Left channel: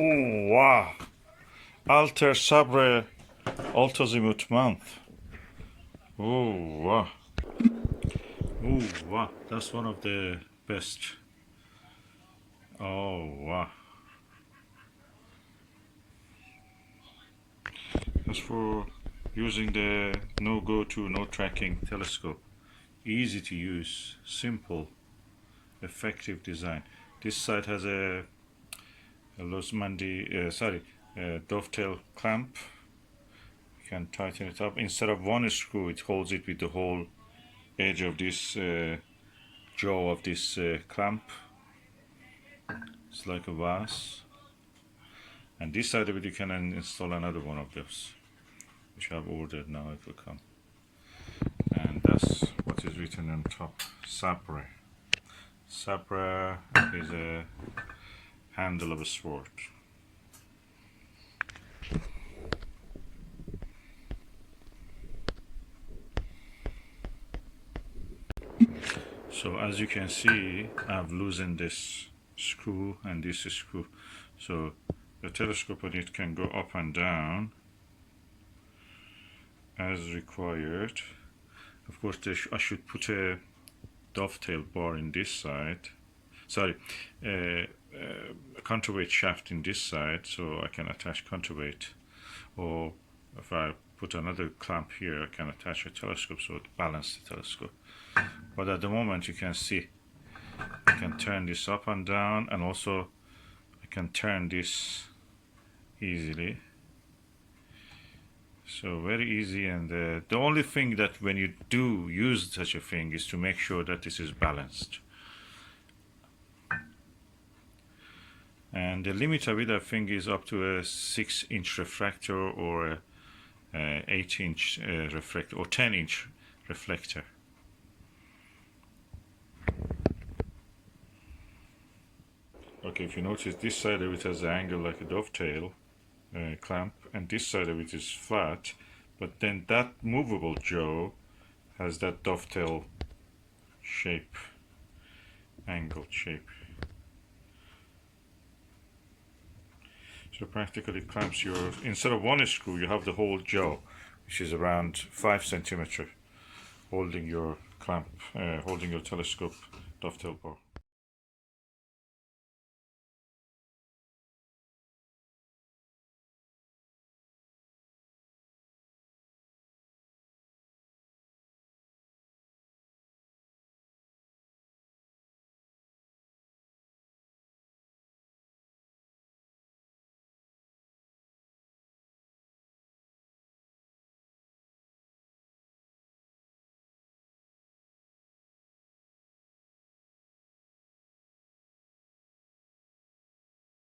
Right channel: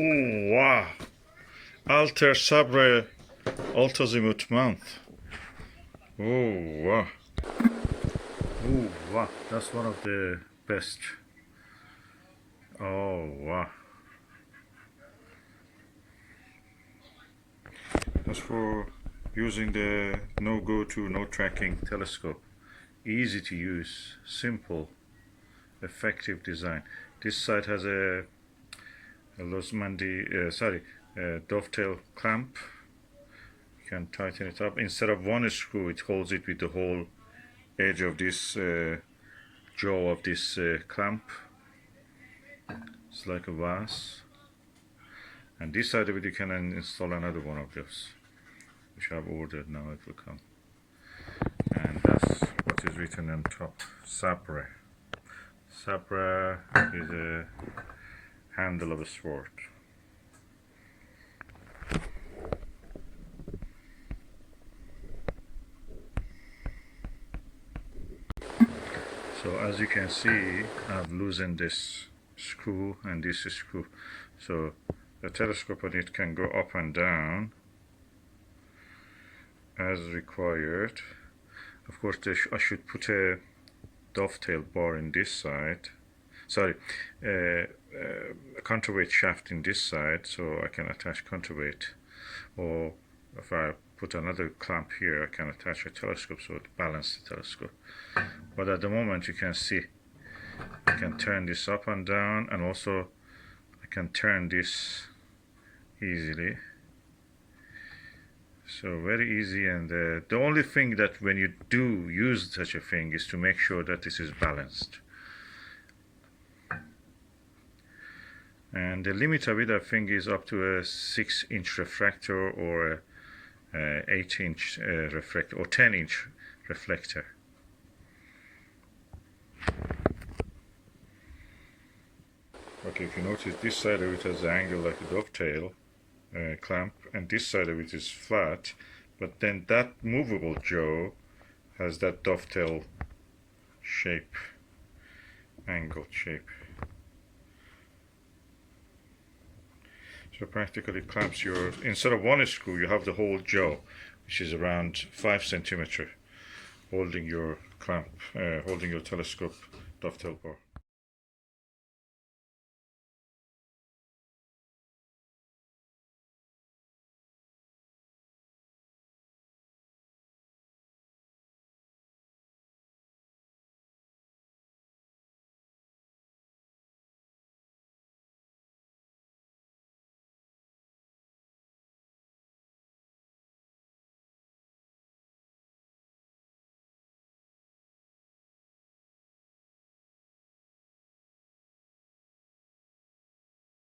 Ooh, wow. Altair Sabre Alt-Azimuth mount. Oh, wow. Oh, wow. That's one of the best. Oh, wow. That's for using the no go-to, no tracking telescope. Easy to use, simple, effective design. This side has a dovetail clamp. You can tighten it up. Instead of one screw, it holds it with the whole edge of this jaw of this clamp. It's like a vase. And this side of it, you can install another one of those, which I've ordered now. It will come. And that's what is written on top. Sabre. Sabre is a handle of a sword. So as you can see, I've loosened this screw and this screw. So the telescope on it can go up and down as required. Of course, I should put a dovetail bar in this side. Sorry, a counterweight shaft in this side, so I can attach counterweight. Or if I put another clamp here, I can attach a telescope so it balances the telescope. But at the moment, you can see I can turn this up and down, and also I can turn this easily. So very easy. And the only thing that when you do use such a thing is to make sure that this is balanced. And the limit of it, I think, is up to a 6-inch refractor or a 8-inch reflector or 10-inch reflector. Okay, if you notice, this side of it has an angle like a dovetail clamp, and this side of it is flat, but then that movable jaw has that dovetail shape, angled shape. So practically clamps your, instead of one screw, you have the whole jaw, which is around 5 centimeters, holding your clamp, holding your telescope dovetail bar.